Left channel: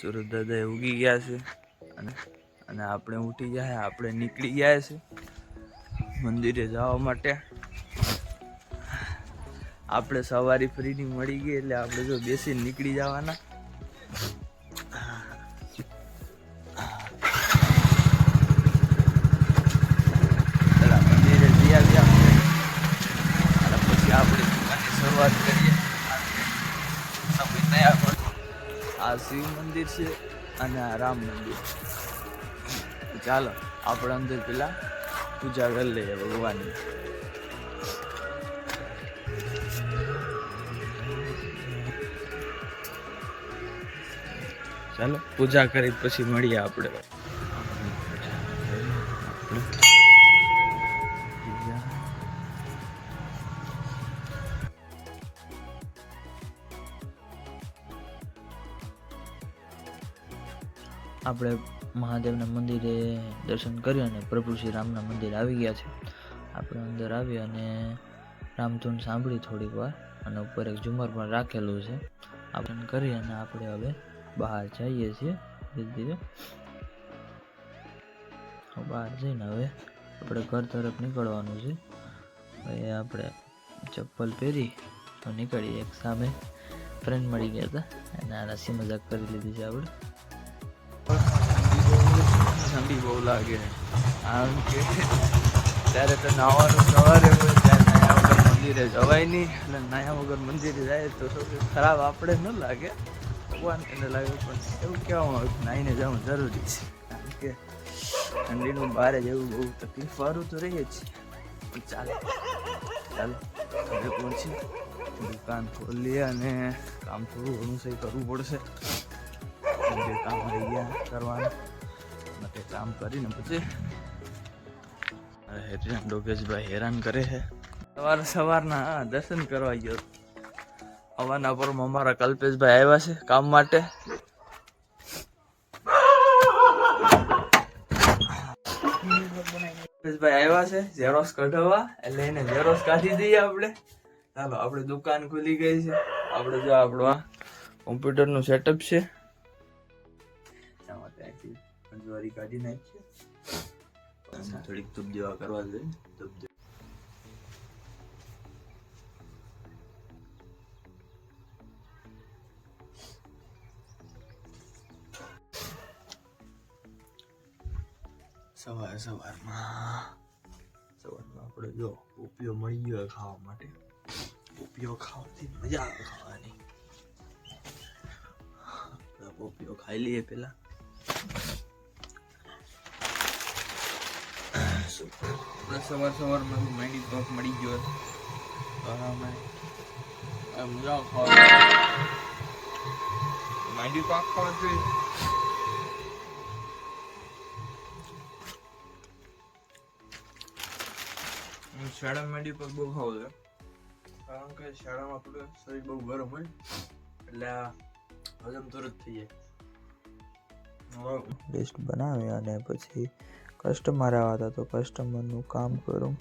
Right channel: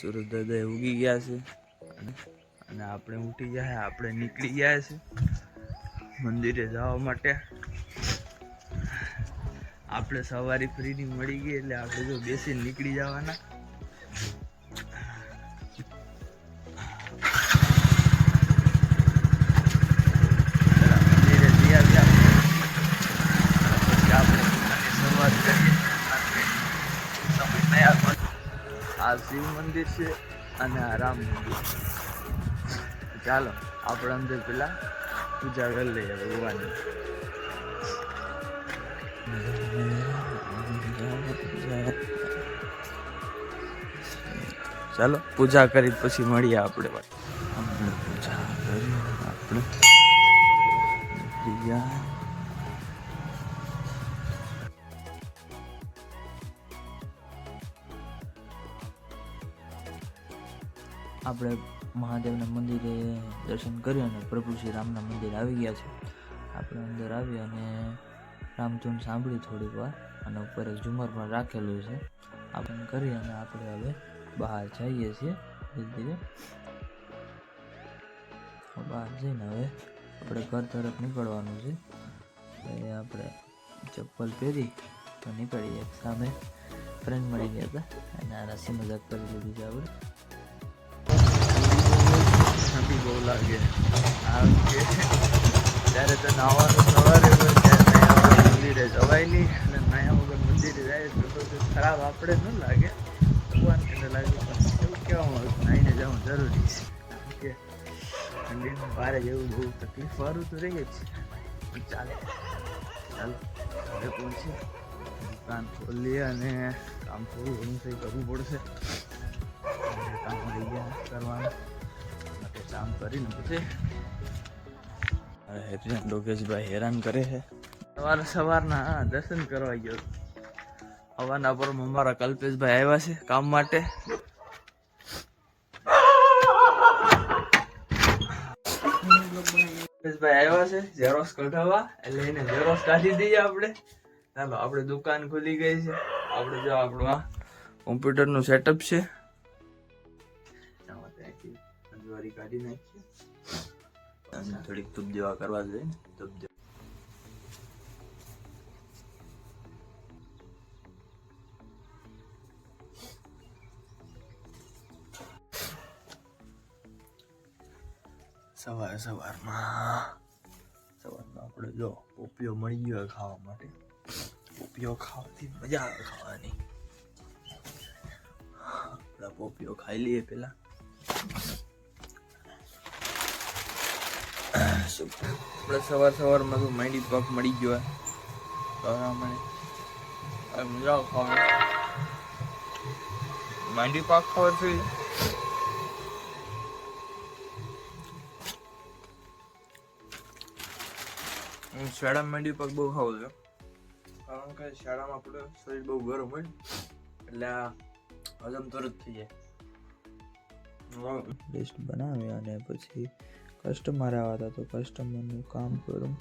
સુરત દાદા ઉગી ગયા છે અને આપણે ઉઠી ગયા, આપણે નીકળી ગયા છે મંદિરે જવા માટે. આપણે સવારી ફ્રીની મળી ગઈ એટલે આપણે જો બેસીને નીકળી જવાના. મંદિરે ગયા અને પછી આપણે શરૂઆત કરીએ. સમય તૈયાર પણ આ શિવ મંદિર છે અને આ રામ મંદિર. ચાલો આપણે અંદર પેલા પૂજા કરી લઈએ ભગવાનની. ચાલો પૂજા કરી પછી મળીએ આપણે. પૂજા કરી આપણે આપણે મહાદેવના મંદિરે દર્શન કર્યું અને પ્રભુ શ્રી રામના મંદિરે આવી ગયા છે. આપણે અંદર આવી અને રામધૂન સાંભળી થોડીક વાર અને ઉપર એક ઝુમર પણ રાખેલું છે. આપણે કરી અને આપણે હવે બહાર જઈએ છીએ ધીરે ધીરે. બહાર જઈને હવે આપણે ઘર તરફ નીકળવાનું છે. હવે આપણે ચપ્પલ પહેરી તો નીકળીએ. એક સામે ફ્રેન્ડ મળી ગયા હતા અને આ રસી મજાક કરી લીધી છે આપણે. ઠંડી બહુ લાગે કારણ કે ત્યારે તો નાવાનું સવારે હોય ત્યારે નાયા વગર મંદિરે જવાય નહીં. એટલે નાયા વગર મંદિરે જાય તો સૌથી ખરાબ આપણે ન લાગે, ભગવાન એને લાગે. પણ એવું કહેવામાં આવે નાહીને જવું જરૂરી છે કારણ કે ઠંડીનું બહાર જવું બહુ તકલીફ વાળું તો રહી જ છે. પણ ચાલો ઘરે પહોંચી દુકાન ખોલીએ અને કામ થોડું ઘણું સહી કરવું પડશે. જે કામ રહી ગયા કરવાનું માટે કામ કરીને પછી ડોકેશભાઈ હેરાન કરે છે. સવારના દર્શન કરવા ગયો. હવાના પર અમારા કલ્પેશભાઈ આવ્યા છે કામ માટે. કલ્પેશભાઈ આવ્યા છે ઝેરોક્સ કઢાવવા, એટલે એને ઝેરોક્સ કાઢી દઈએ આપણે. ચાલો આપણે દુકાન ખુલી ગઈ છે. આપણે જો આપણું આ કોમ્પ્યુટરનું સેટઅપ છે. પંજવારી કાઢી નાખીએ. થોડીક ધૂપ જેવા કરવા જોઈએ. ધૂપ સવારમાં આપણે જો પોપિયો મળી ગયો ખાવા માટે. પોપિયો ખાવાથી મજા આવે ખાવાની. આપણે પોપિયો ખાઈ લઈએ પેલા. આપણે સવારમાં તો માંડી પાક મળી ગયો મજા ખાવા. માંડી પાક ખાવાથી હું શાળામાં માંડી પાક બહુ ખાવું છું કારણ કે શાળામાં આપણે શરીર બહુ ગરમ હોય એટલે હજમ તરત થઈ જાય. લિસ્ટ બનાવી અને પછી કસ્ટમર આવ્યા હતા તો કસ્ટમરનું કામ કરું.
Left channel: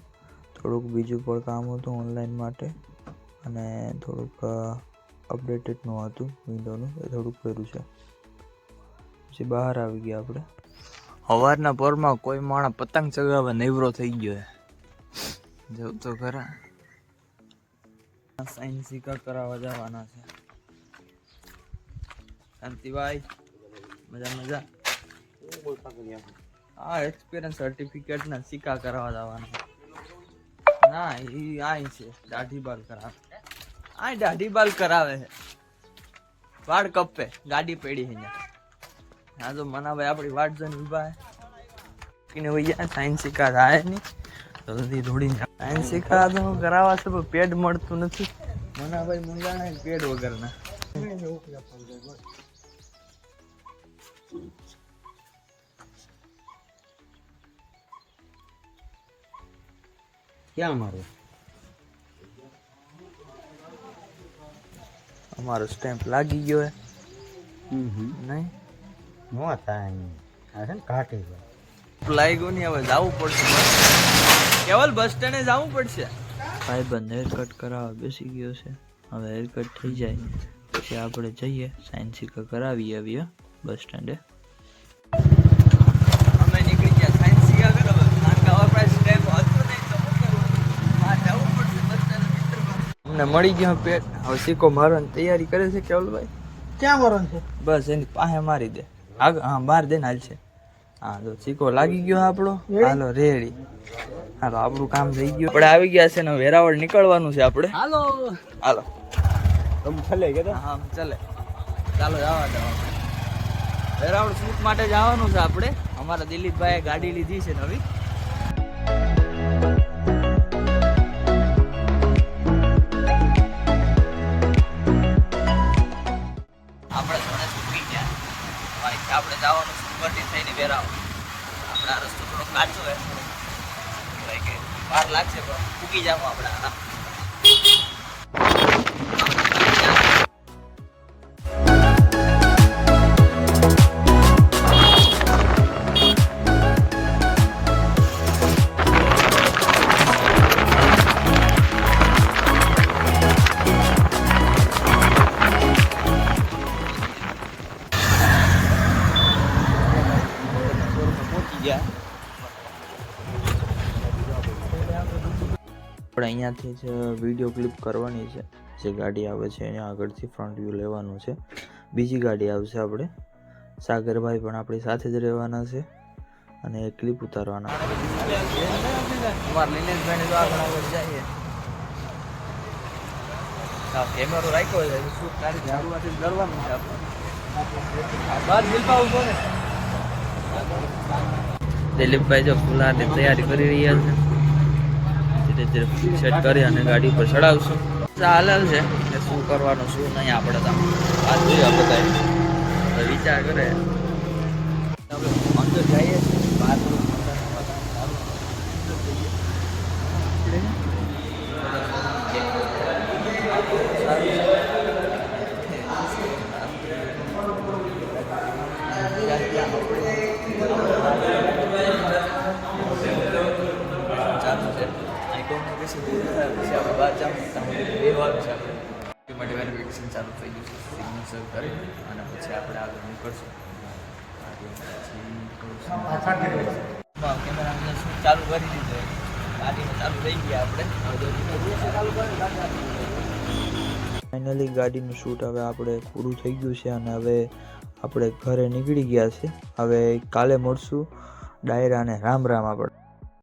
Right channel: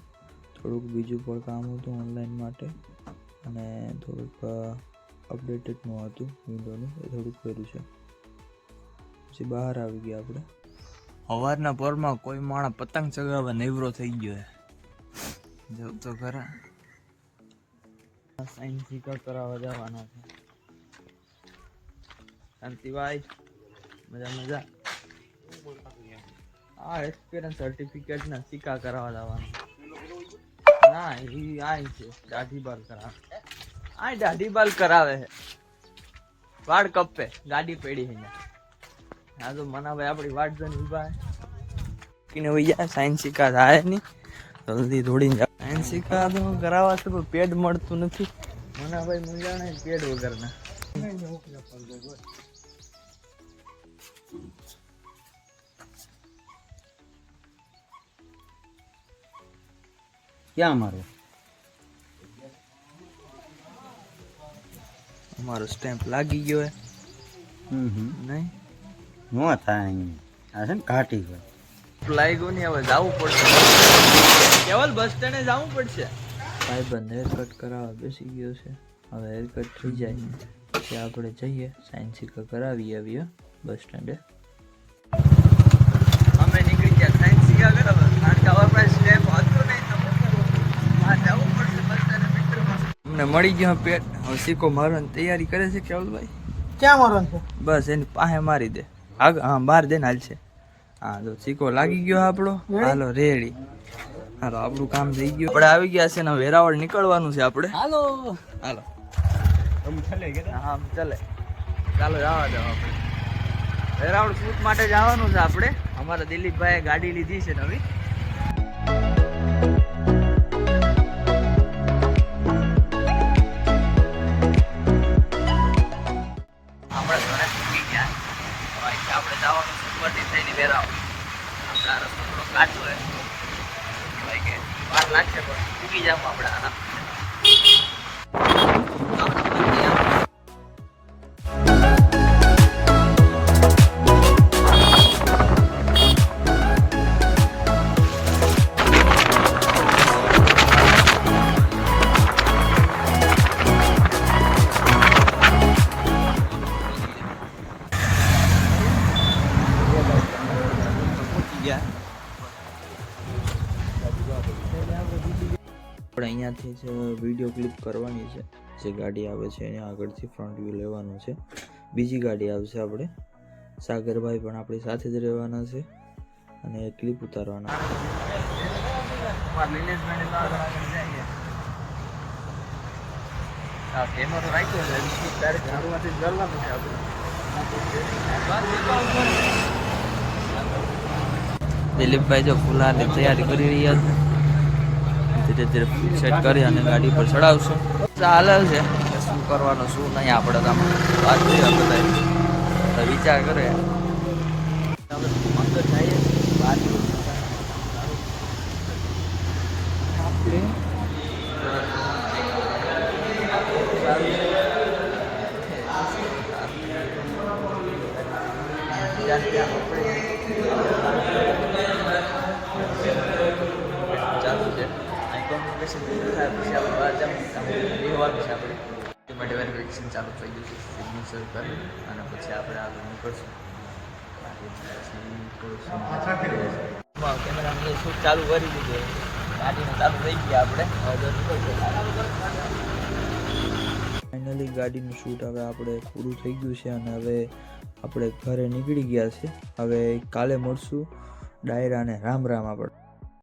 થોડુંક બીજું પણ કામ હતું ઓનલાઈન માટે અને થોડુંક અપડેટેડનું હતું વિન્ડોનું, એ થોડુંક કર્યું છે. પછી બહાર આવી ગયા આપણે. સવારના પોરમાં કોઈ માણસ પતંગ ચગાવવા નવરો થઈ ગયો છે. જવું તો ખરા. સાયન્સ સિક્કા કરાવવા જવાના છે. શાંતિભાઈ મજા. હા એક્સપિરિયન્સ સર્ટિફિકેટ ના સિક્કા કરાવવા જવાના. ના એ આય છે દાઢી બાલ કરાવે. આ દાઢી બાલ કરાવે છે. વાળ કપે ગાડી પડી છે અહીંયા. હા તો મનાભાઈ આપણી વાટ જઈને ઉભા છે ભૈયા. સાયન્સ સિક્કા થાય નહીં જલ્દી થોડી. સાયન્સ સિક્કા તો હું કરાવવા છે પણ પેડ મળતું નથી. મનાભાઈ મંગાણા પેડ વગરના. ક્યાં અમારો સ્ટેમ્પ લાગી ગયો હે. નહીં નો થાય આ છે ને ઘાટી હોય. લાગ્યું નહીં. હવે જવું પડશે બસ સ્ટેન્ડ. કેવલ બસ સ્ટેન્ડે જવું પડશે. ભાઈબંધ હેર કટ કરાવવા બેસી ગયો છે. હવે હેર કટ થઈ જાય પછી આપણે જઈએ સાયન્સ સિક્કા કરાવી આવીએ. બસ સ્ટેન્ડે અમે નીકળી ગયા સાયન્સ શીખા બરાબર કારણ કે હવે પાસે સ્ટેપ હતો નહીં તો શું કરવું આ જવું પડશે બસ સ્ટેન્ડે મિત્રમાં અમને મળી ગયો પેટ હવે સિક્કો મારવાની તૈયારી કરે છે કેવલભાઈ ક્યાં મારવાનું છે? બસ એની પાસે મારી દે આગળ હા બહાર દે ને હાલ છે હા જો સિક્કો લાગી ગયો આપણો હાલો રેડી હાલો આપણું કામ થઈ ગયું આપણે આવી ગયા છે ને વેરાવળ નીકળવાનું છે આપણે હાલો હાલો ચાલે કે હા ચાલે ચાલો જવા દો આપણે વેરાવળ શૂટ માટે જવાનું છે આપણે અમારા દિલીપભાઈએ ગાડી લીધી છે નવી આપણે ગણેશ પૂરી ગયા આપણે જવાનું સુપરથી થઈને વેરાવળ આપણે આ રસ્તો થોડો કાચો છે ભાઈ કે વાર લાગશે પણ ઉગી જાવ આપણે આરામ આપણે અહીંયાથી જ વિડીયો ક્લિપ કરવાની છે જે ગાડી આવે છે એની આગળથી ફ્રન્ટ વ્યૂ લેવાનું છે બીજી ગાડી આવશે આપણે સાગરભાઈ પણ આપણી સાથે જ રહેવાના છે અને એ ક્લિપ ઉતારવાના અમારા લીનેશભાઈને તો આગળ આગળ જઈએ હા કેમેરો રાખ્યો છે શૂટ તારીખ શરૂઆતથી જ કરવાનું છે આપણે દિલીપભાઈ જો ફૂલાની તૈયારી કરી રહ્યા છે ધીરે ધીરે સેટ કરી અને ગાડી પર ચડાવશું ચાલે છે કે શું કરવાનું શું નહીં આપણે તો વાત કરીએ બધા વિચાર કરે આપણે અંદર જઈએ છીએ બહાર થોડુંક મસાનું વાતાવરણ સારું ચાલુ છે અહીં કોમ્યુનિકેશન પૂરું થાય પછી આપણે બહાર જાઉં ત્યાં બેહવાનું છે આપણે એ માટે વેરિફિકેશન ચાલુ થઈ ગયું છે સિગ્નેચર કરી અને પછી આપણે આગળ નીકળશું કેમેરા શૂટ ચાલુ કરી દીધું ગાડીને ચાલુ થઈ ગયા આપણે ફાઇનલી ગાડીનું શૂટ હવે આપણે પૂરું થઈ ગયું છે અને હવે આપણે ઘરે નીકળી ગયા છે હવે કાલે મળશું ડાયરા અને રામ રામ આપણે